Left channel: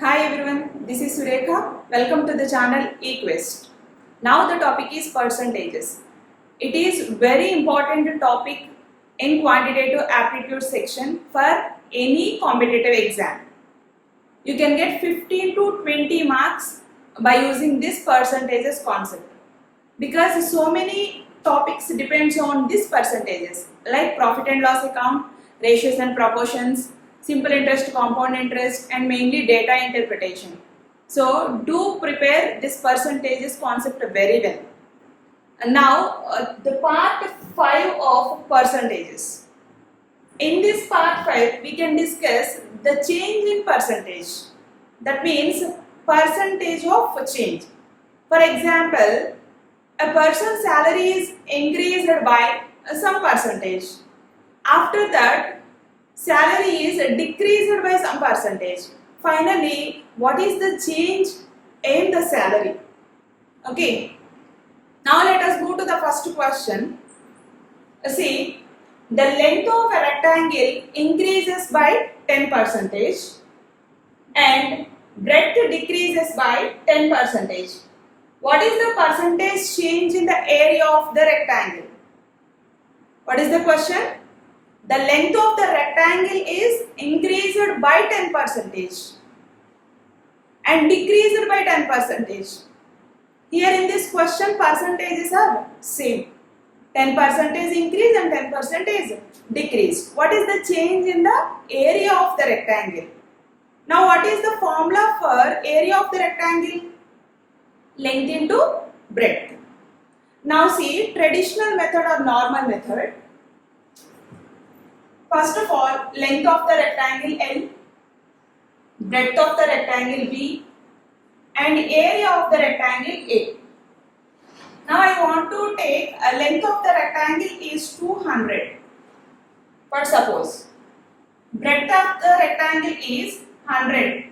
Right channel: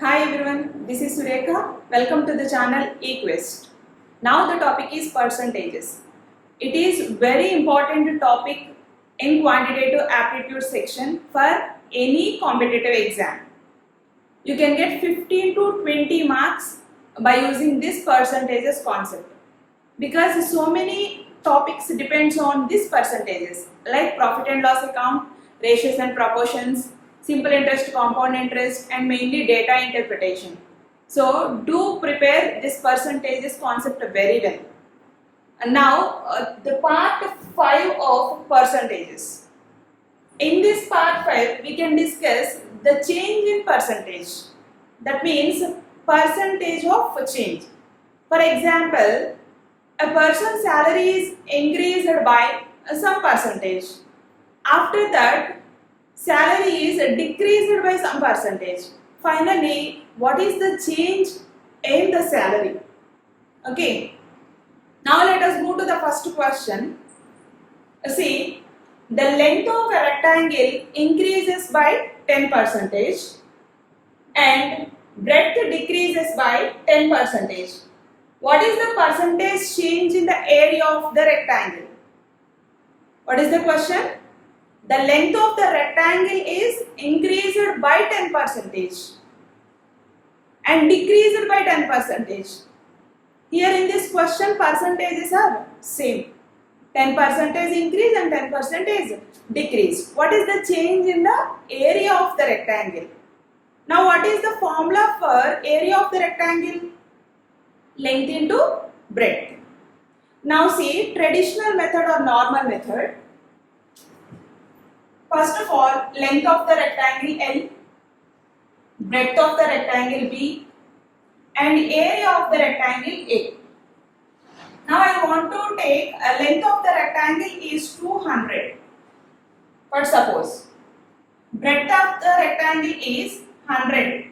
Hi everyone, this is Surekha. Welcome to the channel eQuest. Now the topic is percentages. It is very important topic in quantitative aptitude section for any competitive exam. You can get 15 to 20 marks by using this percentages concept because so many topics depends on these percentages like profit and loss account, ratios and proportions, simple interest, compound interest, and mainly data interpretation. So do prepare this percentages concept very well. And now the part 5 of percentages. In this part 5 we can discuss the change in percentage. That means percentage of change. For example, a person's salary is increased by some percentage. After that, salary is decreased by some percentage. Finally, what is the change in the salary? Okay. Now let us move to the first question. See, the length of a rectangle increases by 10 percentage and breadth decreases by 10 percentage. What is the percentage change in the area of the rectangle? What is the question? The length of the rectangle is increased by 10 percentage and decreased by 10 percentage. Here in this question, percentages are same. 10 percentage increase and 10 percentage decrease. What is the change in the area of the rectangle? Now what is the formula for area of the rectangle? Length into breadth. Now see, traditional method or normal method. First of all, length of the rectangle L, breadth of the rectangle B, and area of the rectangle A. Now I want to take a length of the rectangle is 200. For suppose, breadth of the rectangle is 100.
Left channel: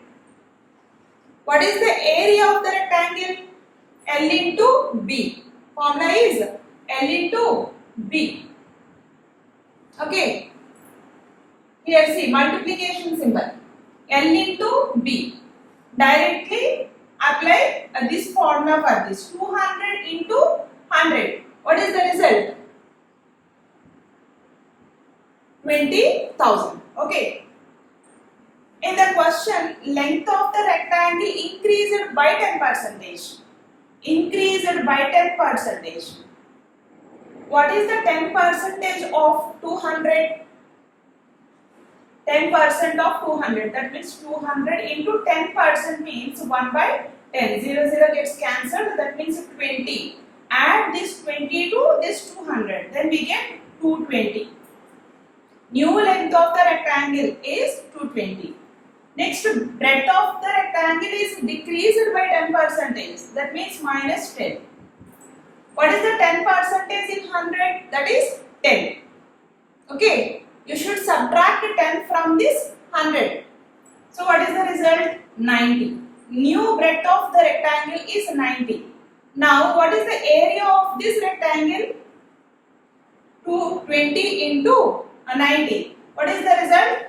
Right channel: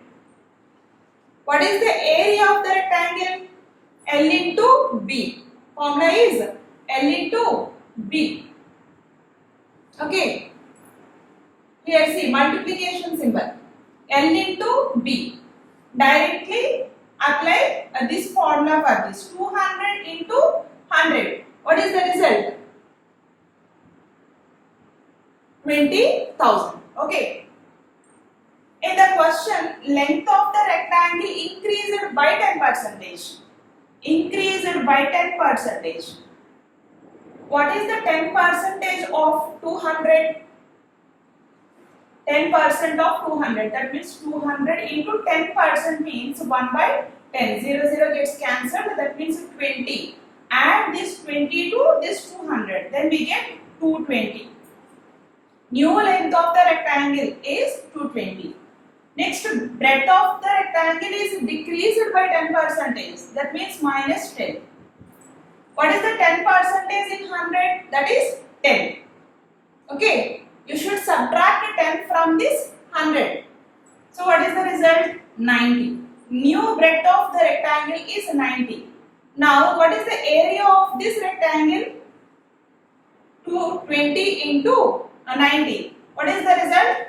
What is the area of the rectangle? L into B. Formula is L into B. Okay. Here see multiplication symbol. L into B. Directly apply this formula for this. 200 into 100. What is the result? 20,000. Okay. In the question, length of the rectangle increased by 10 percentage. Increased by 10 percentage. What is the 10 percentage of 200? 10% of 200. That means 200 into 10% means 1 by 10. 0 gets cancelled. That means 20. Add this 20 to this 200. Then we get 220. New length of the rectangle is 220. Next, breadth of the rectangle is decreased by 10 percentage. That means minus 10. What is the 10 percentage in 100? That is 10. Okay. You should subtract 10 from this 100. So what is the result? 90. New breadth of the rectangle is 90. Now what is the area of this rectangle? 220 into 90. What is the result?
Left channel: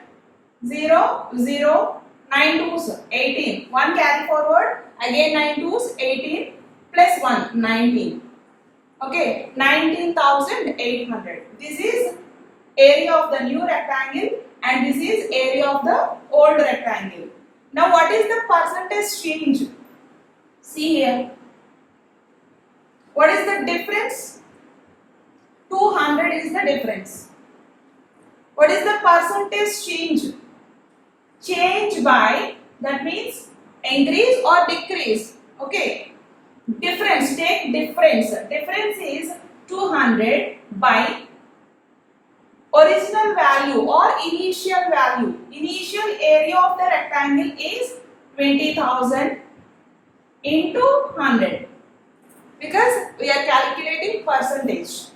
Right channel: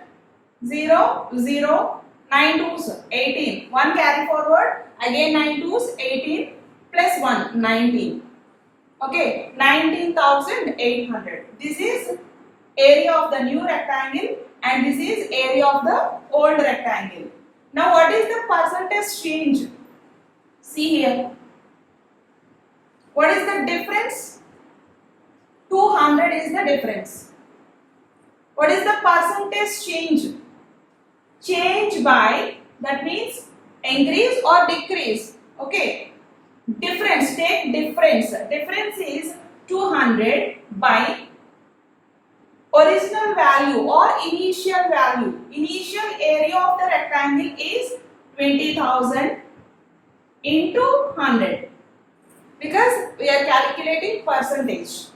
0, 0, 9 twos, 18. 1 carry forward. Again 9 twos, 18 plus 1, 19. Okay, 19,800. This is area of the new rectangle and this is area of the old rectangle. Now what is the percentage change? See here. What is the difference? 200 is the difference. What is the percentage change? Change by, that means increase or decrease. Okay. Difference, take difference. Difference is 200 by original value or initial value. Initial area of the rectangle is 20,000 into 100 because we are calculating percentage.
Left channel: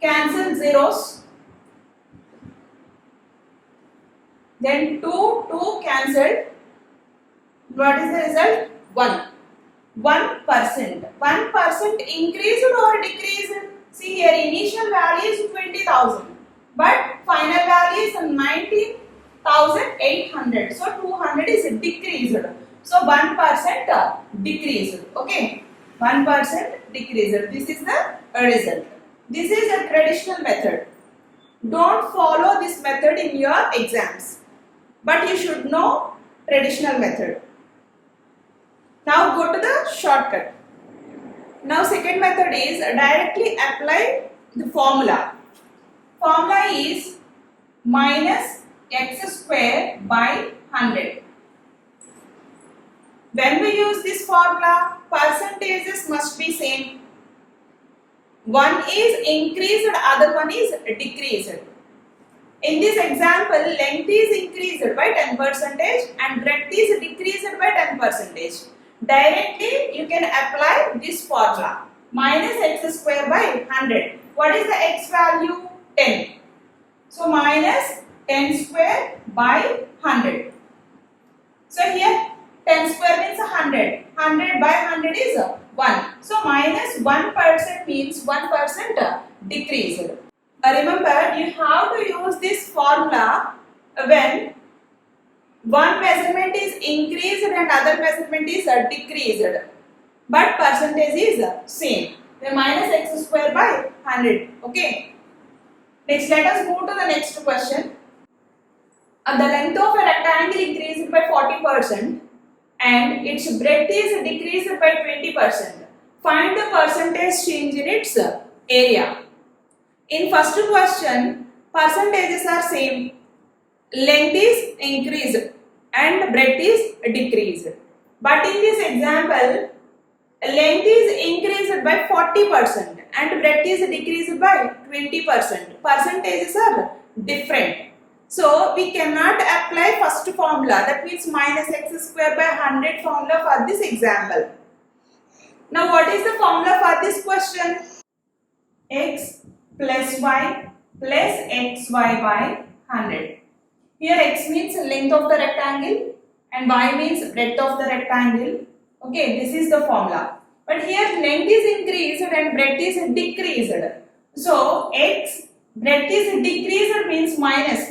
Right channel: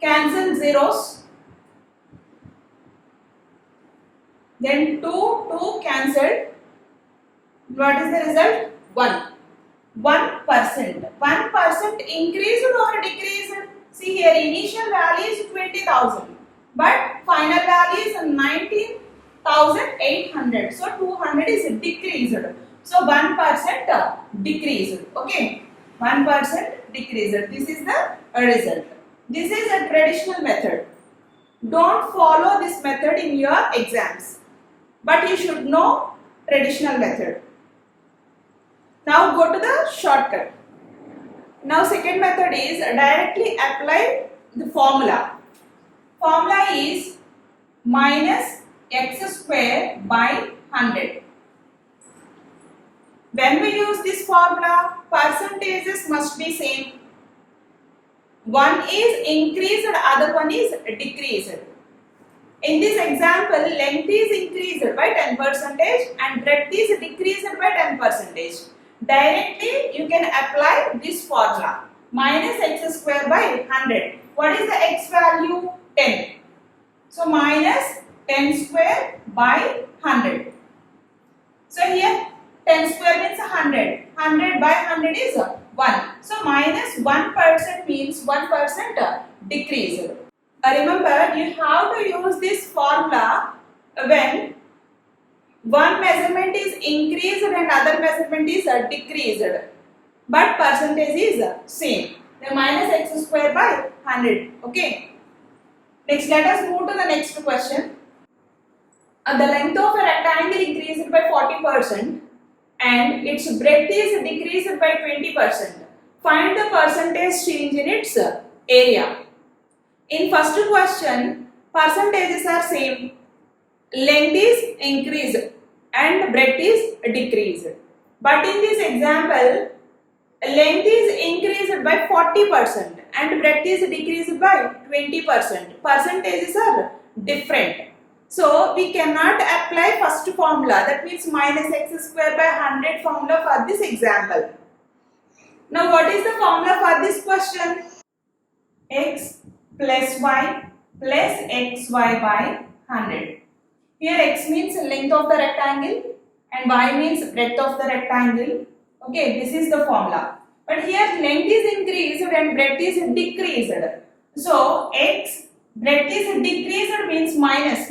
Cancel zeros. Then 2 cancelled. What is the result? 1. 1%. 1% increased or decreased? See here, initial value is 20,000. But final value is 19 1800. So 200 is decreased. So 1% decreased. Okay, 1% decreased. This is the result. This is a traditional method. Don't follow this method in your exams, but you should know traditional method. Now go to the shortcut. Now second method is directly apply the formula. Formula is minus x square by 100. When we use this formula, percentages must be same. One is increased, other one is decreased. In this example, length is increased by 10% and breadth is decreased by 10%. Directly you can apply this formula. Minus x square by 100. What is the x value? 10. So minus 10 square by 100. So here 10 square means 100. 100 by 100 is 1. So minus 1% means 1% decreased. Remember, you have to use this formula when one measurement is increased and other measurement is decreased, but percentage is same. The minus x square by 100. Okay. Next, let us move to the next question. The length of a rectangle increased by 40% and its breadth is decreased by 20%. Find the percentage change in its area. In first question, percentages are same. Length is increased and breadth is decreased. But in this example, length is increased by 40% and breadth is decreased by 20%. Percentages are different. So we cannot apply first formula, that means minus x square by 100 formula for this example. Now what is the formula for this question? X plus y plus xy by 100. Here x means length of the rectangle and y means breadth of the rectangle. Okay, this is the formula. But here length is increased and breadth is decreased. So x breadth is decreased means minus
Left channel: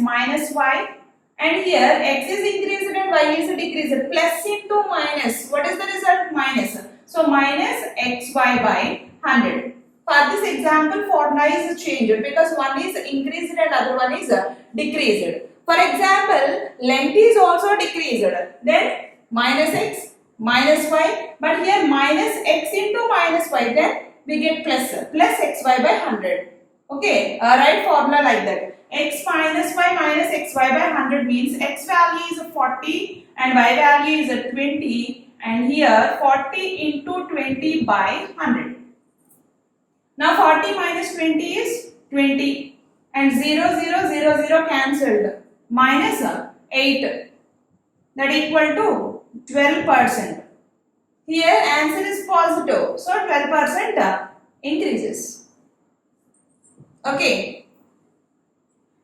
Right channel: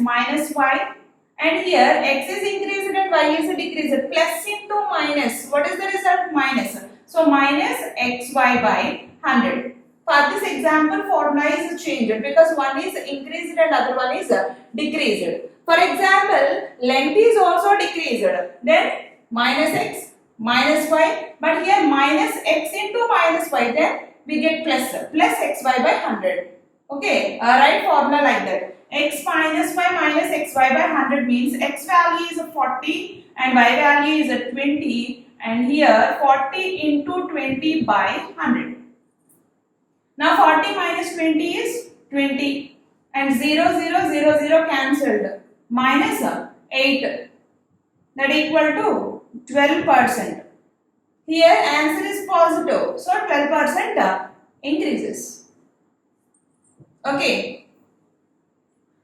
y, and here x is increased and y is decreased. Plus into minus. What is the result? Minus. So minus xy by 100. For this example, formula is changed because one is increased and other one is decreased. For example, length is also decreased. Then minus x, minus y. But here minus x into minus y. Then we get plus xy by 100. Okay, write formula like that. X minus xy by 100 means x value is 40 and y value is 20. And here 40 into 20 by 100. Now 40 minus 20 is 20 and 0 cancelled. Minus 8, that equal to 12%. Here answer is positive, so 12% increases. Okay.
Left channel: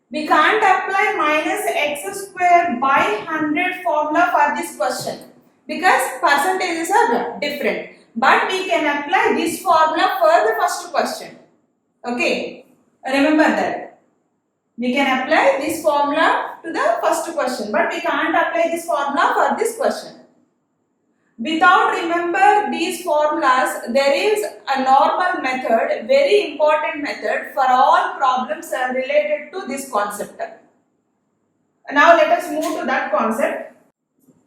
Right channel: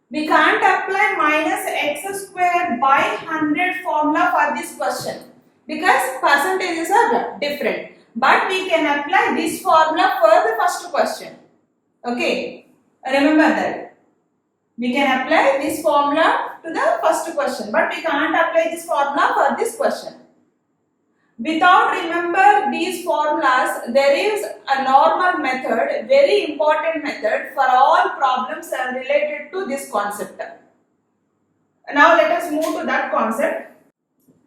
We can't apply minus x square by 100 formula for this question because percentages are different. But we can apply this formula for the first question. Okay, remember that. We can apply this formula to the first question, but we can't apply this formula for this question. Without remember these formulas, there is a normal method, very important method for all problems related to this concept. Now let us move to that concept.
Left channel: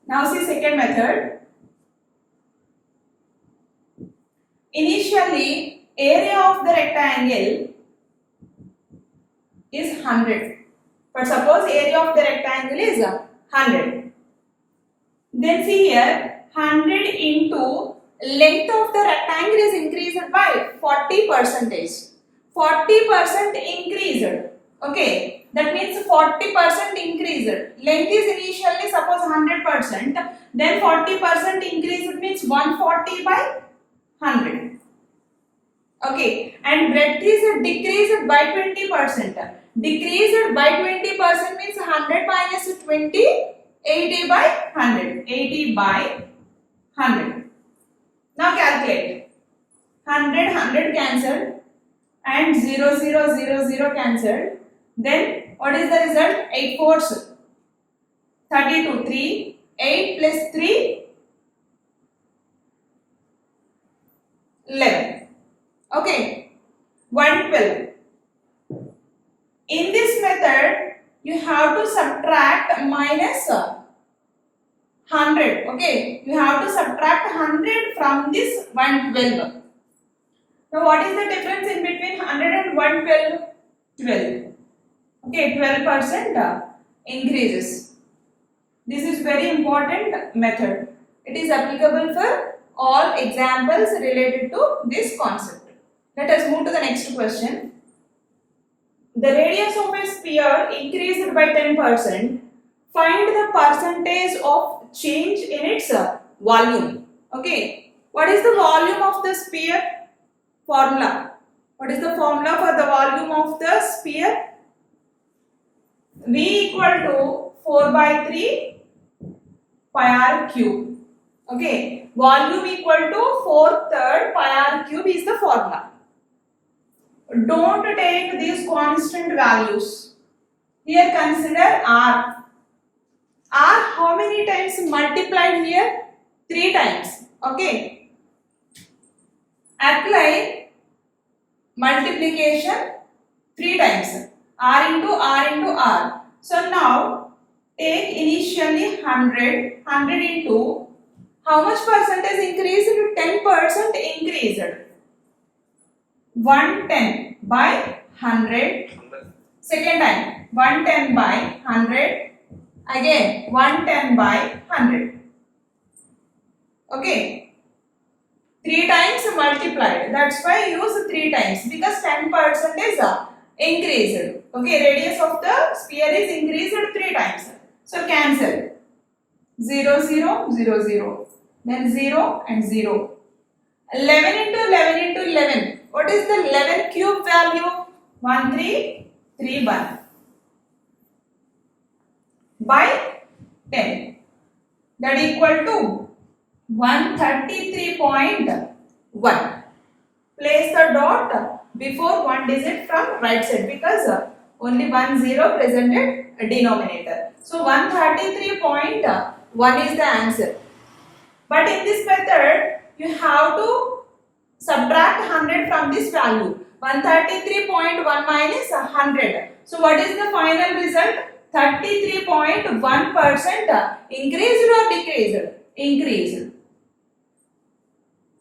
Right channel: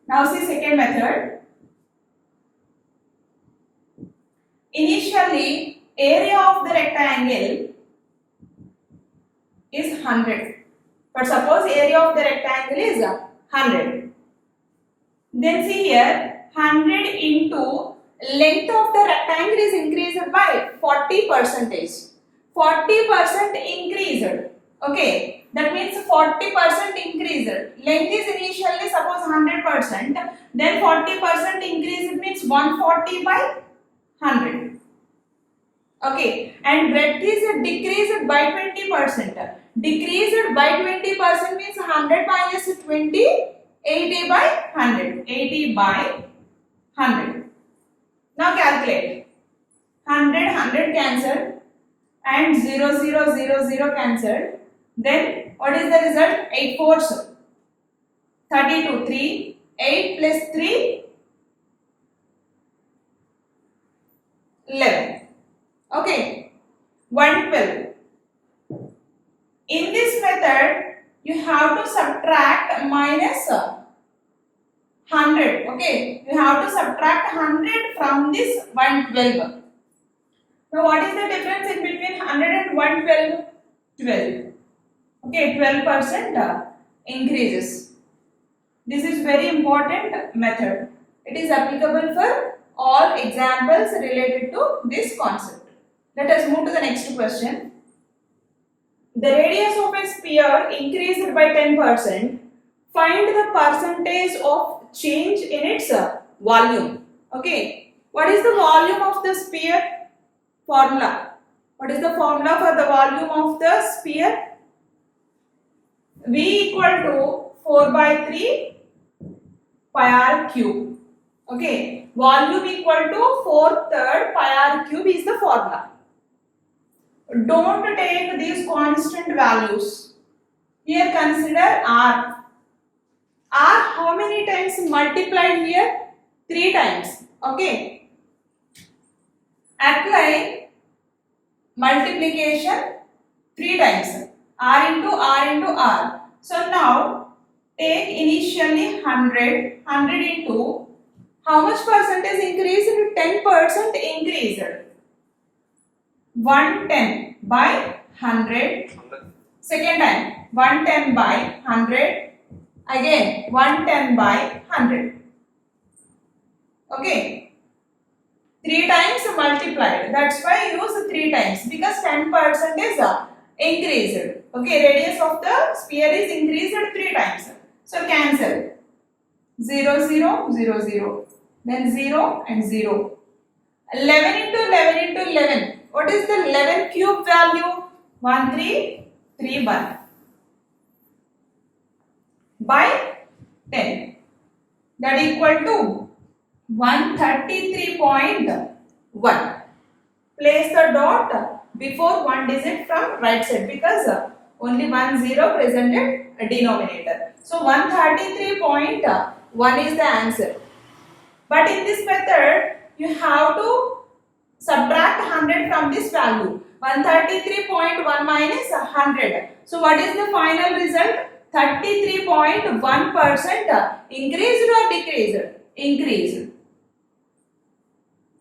Now see second method. Initially, area of the rectangle is 100. But suppose area of the rectangle is 100. Then see here, 100 into length of the rectangle is increased by 40%. 40% increased. Okay, that means 40% increased. Length is initially suppose 100%. Then 40% increased means 140 by 100. Okay, and breadth is decreased by 20%. Decreased by 20% means 100 minus 20, 80 by 100. 80 by 100. Now calculate. 100 cancelled and 0 cancelled. Then what is the result? 8 fours 32, 3, 8 plus 3, 11. Okay, 112. In this method, you have to subtract minus 100. Okay, you have to subtract 100 from this 112. Now, what is the difference in between 100 and 112? 12. Okay, 12% increases. This is very important method. It is applicable for all examples related to this concept. Let us move to the next question. The radius of a sphere increased by 10%. Find the percentage of change in its volume. Okay, what is the volume of the sphere? Formula. What is the formula for the volume of the sphere? V equal to 4 by 3 pi r cube. Okay, volume equal to 4/3 pi r cube is the formula. Don't take these constant values. Here consider r. R how many times multiplied here? 3 times. Okay. Apply multiplication 3 times. R into R into R. So now take initially 100 into how much percentage increased? 10% increased. 110 by 100. Second time 110 by 100. Again 110 by 100. Okay. 3 times multiplied. That's why I use 3 times because 10% is increased. Okay, radius of the sphere is increased 3 times. So cancel. 0, 0, 0, 0. Then 0 and 0. 11 into 11 into 11. What is the 11 cube value? 1331 by 10. That equal to 133.1. Place the dot before one digit from right side because only 10 presented a denominator. So 133.1 is the answer. But in this method, you have to subtract 100 from this value. 133.1 minus 100. So what is the final result? 33.1% increased or decreased? Increased.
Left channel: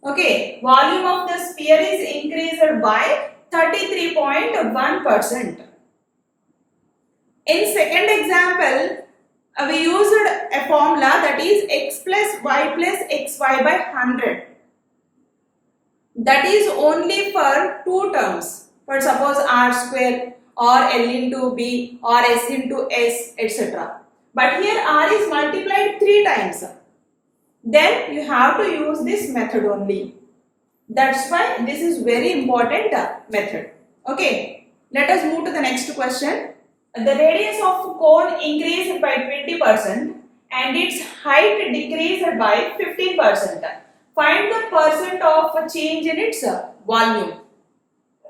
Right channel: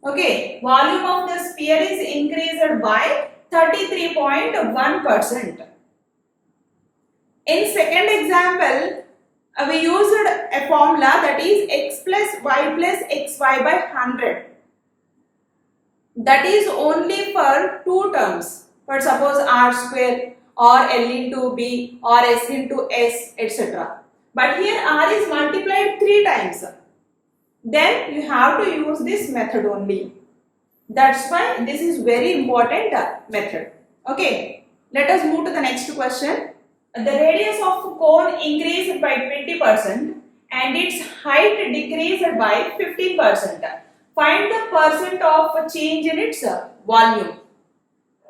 Okay, volume of the sphere is increased by 33.1%. In second example, we used a formula that is x plus y plus xy by 100. That is only for 2 terms. For suppose r square or l into b or s into s, etc. But here r is multiplied 3 times. Then you have to use this method only. That's why this is very important method. Okay, let us move to the next question. The radius of cone increased by 20% and its height decreased by 15%. Find the percent of change in its volume.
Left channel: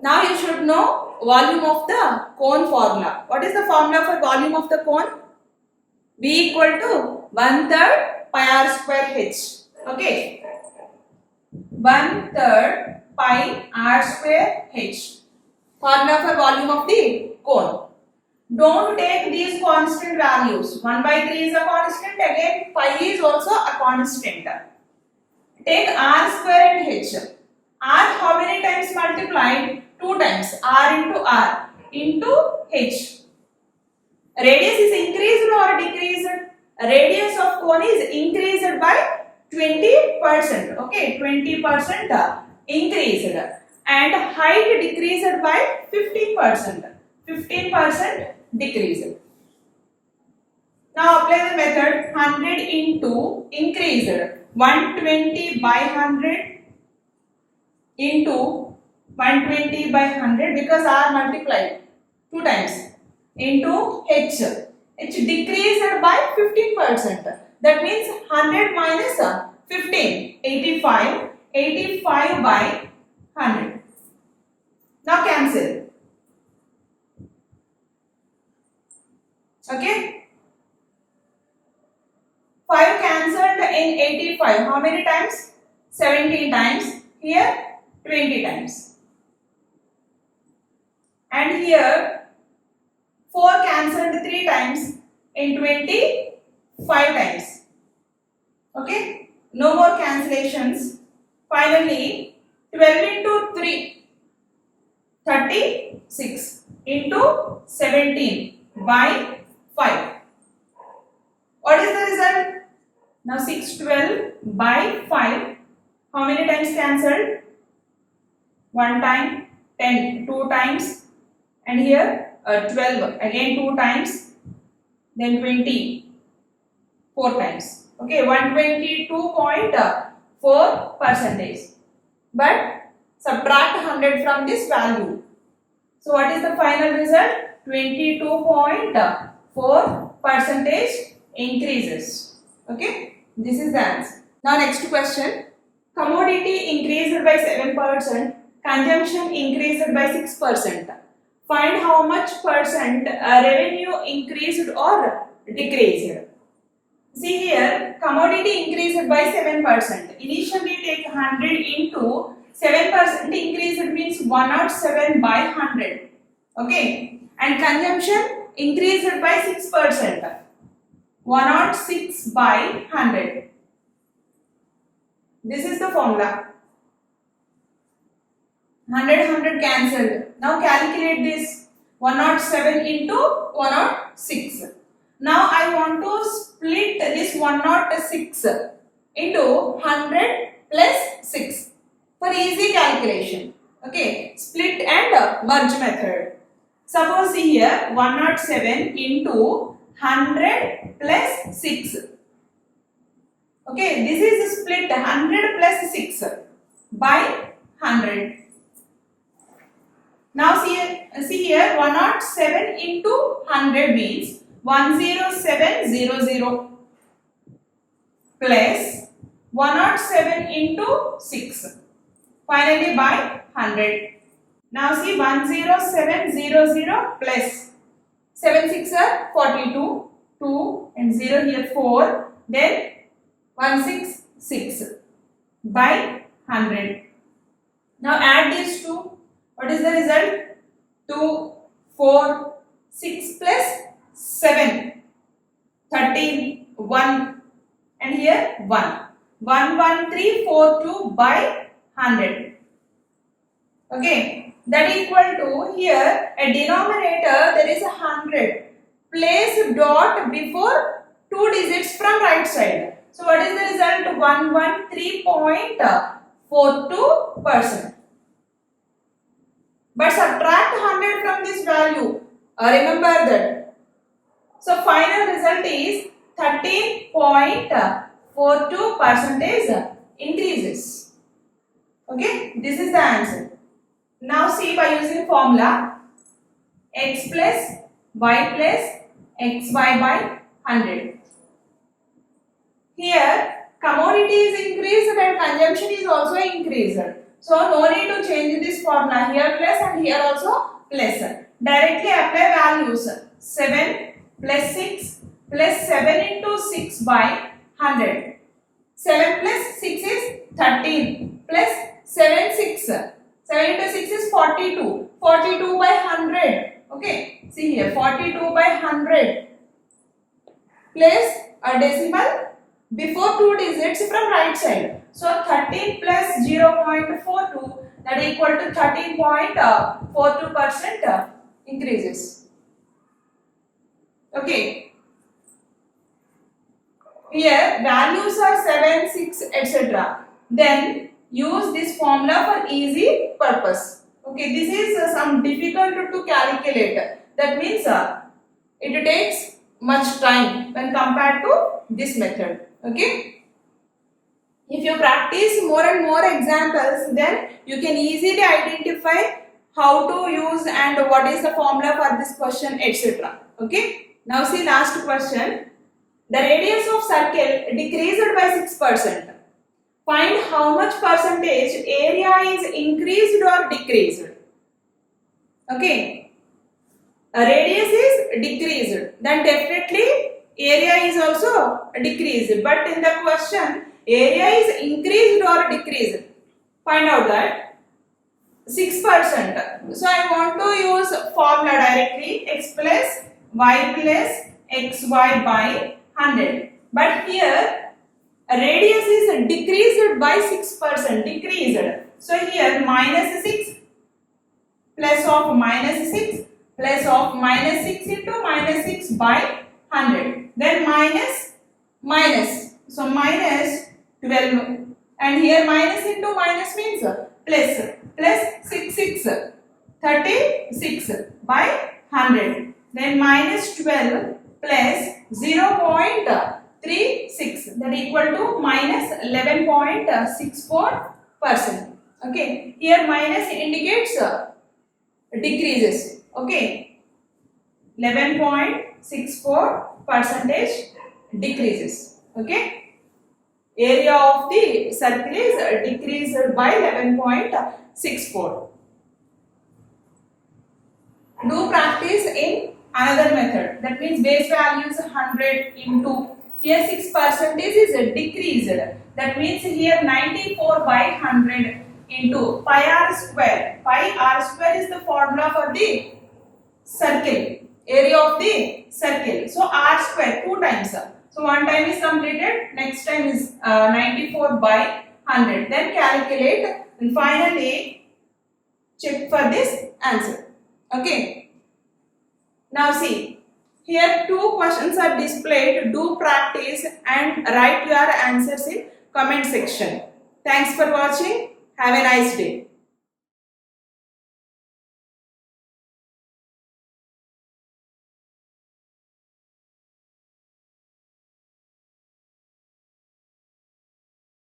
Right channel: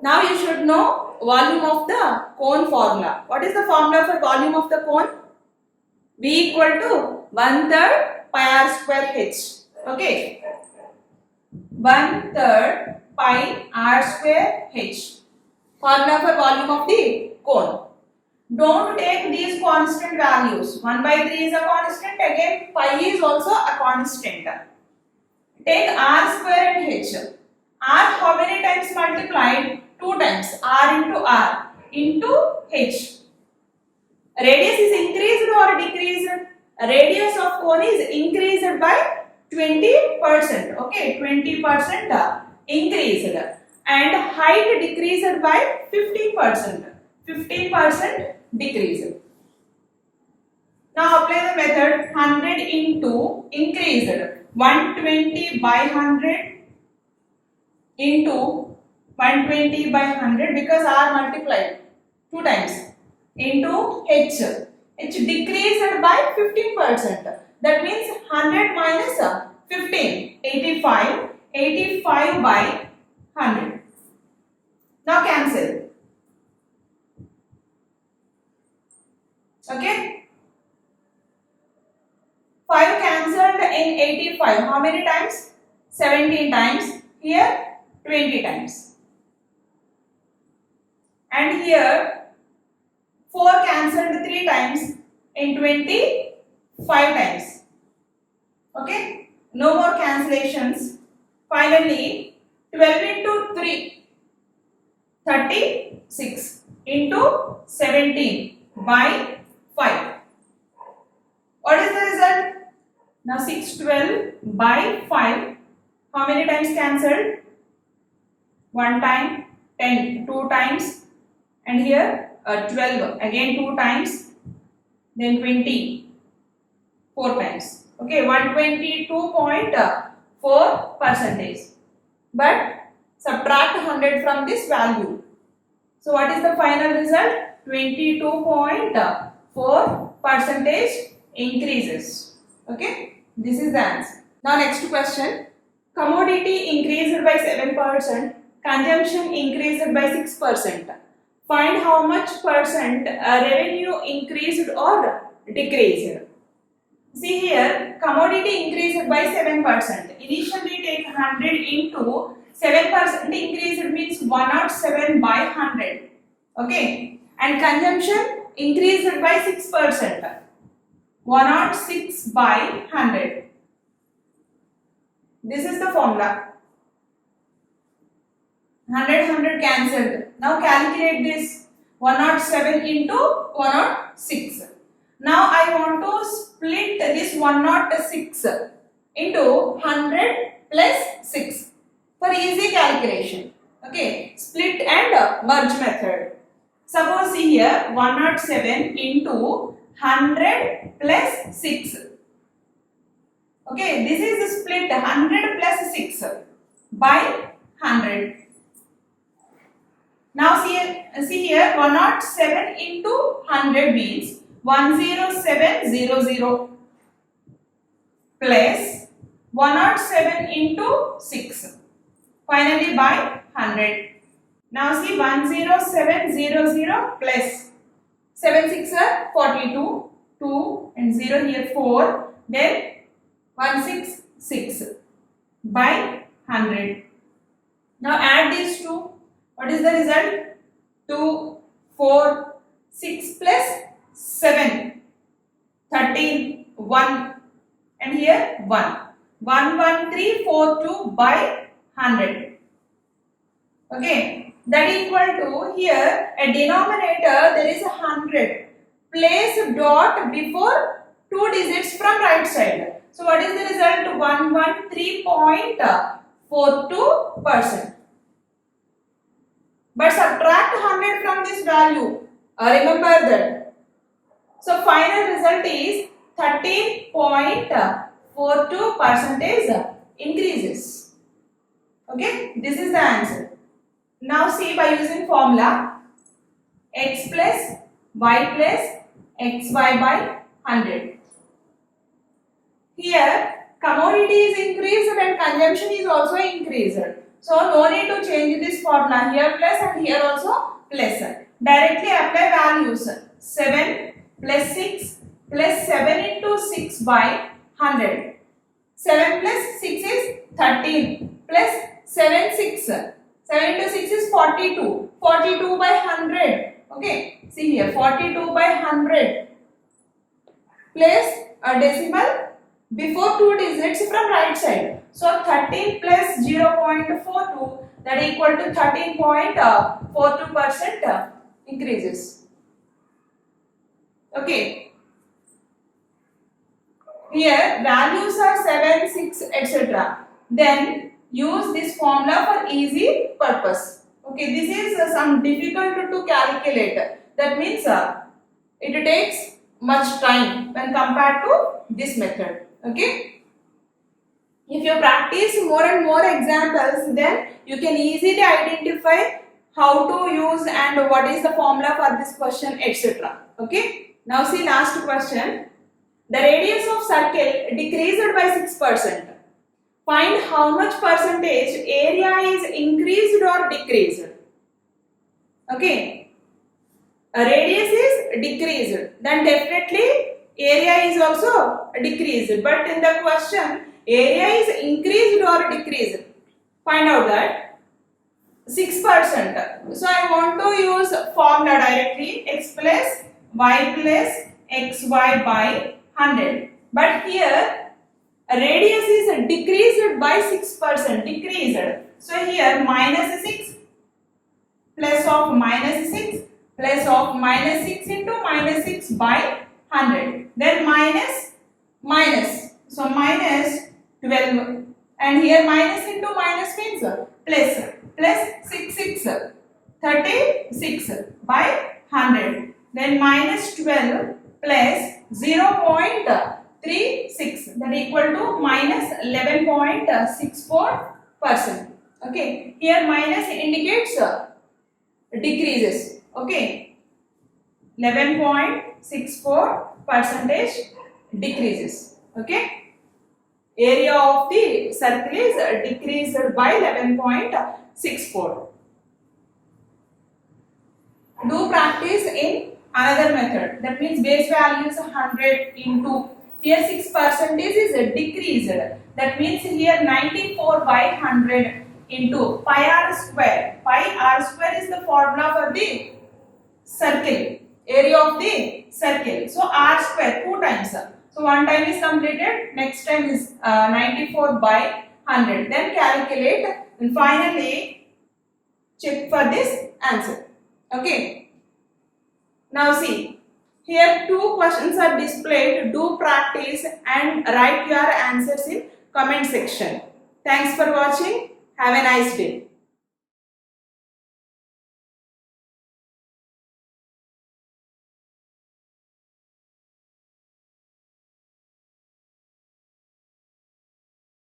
Now you should know volume of the cone formula. What is the formula for volume of the cone? V equal to 1/3 pi r square h. Okay. 1/3 pi r square h. Formula for volume of the cone. Don't take these constant values. 1/3 is a constant. Again, pi is also a constant. Take r square and h. R how many times multiplied? 2 times. R into R into h. Radius is increased or decreased? Radius of cone is increased by 20%. Okay, 20% increased. And height decreased by 15%. 15% decreased. Now apply the method 100 into increased. 120 by 100 into 120 by 100 because R multiplied 2 times into H. H decreased by 15%. That means 100 minus 15. 85. 85 by 100. Now cancel. Okay. in 85, how many times? 17 times. Here 20 times. And here 4 cancelled 3 times in 25 times. Okay, no more cancellations. Finally, 12 into 3, 36 into 17 by 5. What is the result? Now 612 by 5. How many times cancelled? 1 time, 10, 2 times, and here 12 again 2 times, then 20 4 times. Okay, 122.4%. But subtract 100 from this value. So what is the final result? 22.4% increases. Okay, this is the answer. Now next question. Commodity increased by 7%, consumption increased by 6%. Find how much percent revenue increased or decreased. See here, commodity increased by 7%. Initially take 100 into 7% increased means 107 by 100. Okay, and consumption increased by 6%. 106 by 100. This is the formula. 100 cancelled. Now calculate this. 107 into 106. Now I want to split this 106 into 100 plus 6 for easy calculation. Okay, split and merge method. Suppose see here 107 into 100 plus 6. Okay, this is split 100 plus 6 by 100. Now see here 107 into 100 means 10700 plus 107 into 6. Finally by 100. Now see 10700 plus 7 6 are 42, 2 and 0 here 4, then 166 by 100. Now add these two. What is the result? 2, 4, 6 plus 7, 13, 1 and here 1. 11342 by 100. Okay, that equal to here a denominator there is 100. Place dot before 2 digits from right side. So what is the result? 113.42%. But subtract 100 from this value. Remember that. So final result is 13.42% increases. Okay, this is the answer. Now see by using formula x plus y plus xy by 100. Here commodity is increased and consumption is also increased. So no need to change this formula, here plus and here also plus. Directly apply values. 7 plus 6 plus 7 into 6 by 100. 7 plus 6 is 13 plus 7 6. 7 into 6 is 42. 42 by 100. Okay, see here 42 by 100. Place a decimal before 2 digits from right side. So 13 plus 0.42 that equal to 13.42% increases. Okay. Here values are 7, 6 etc. Then use this formula for easy purpose. Okay, this is some difficult to calculate. That means it takes much time when compared to this method. Okay. If you practice more and more examples, then you can easily identify how to use and what is the formula for this question, etc. Okay. Now see last question. The radius of circle decreased by 6%. Find how much percentage area is increased or decreased. Okay. A radius is decreased, then definitely area is also decreased, but in the question area is increased or decreased. Find out that 6%. So I want to use formula directly, x plus y plus xy by 100. But here radius is decreased by 6%, decreased. So here minus 6 plus of minus 6 plus of minus 6 into minus 6 by 100. Then minus. So minus 12. And here minus into minus means plus 6 36 by 100. Then minus 12 plus 0.36, that equal to minus 11.64%. Okay, here minus indicates decreases. Okay, 11.64% decreases. Okay, area of the circle is decreased by 11.64. Do practice in another method. That means base value is 100 into, here 6% is decreased. That means here 94 by 100 into pi r square. Pi r square is the formula for the circle, area of the circle. So r square 2 times. So one time is completed, next time is 94 by 100. Then calculate and finally check for this answer. Okay. Now see, here 2 questions are displayed. Do practice and write your answers in comment section. Thanks for watching. Have a nice day.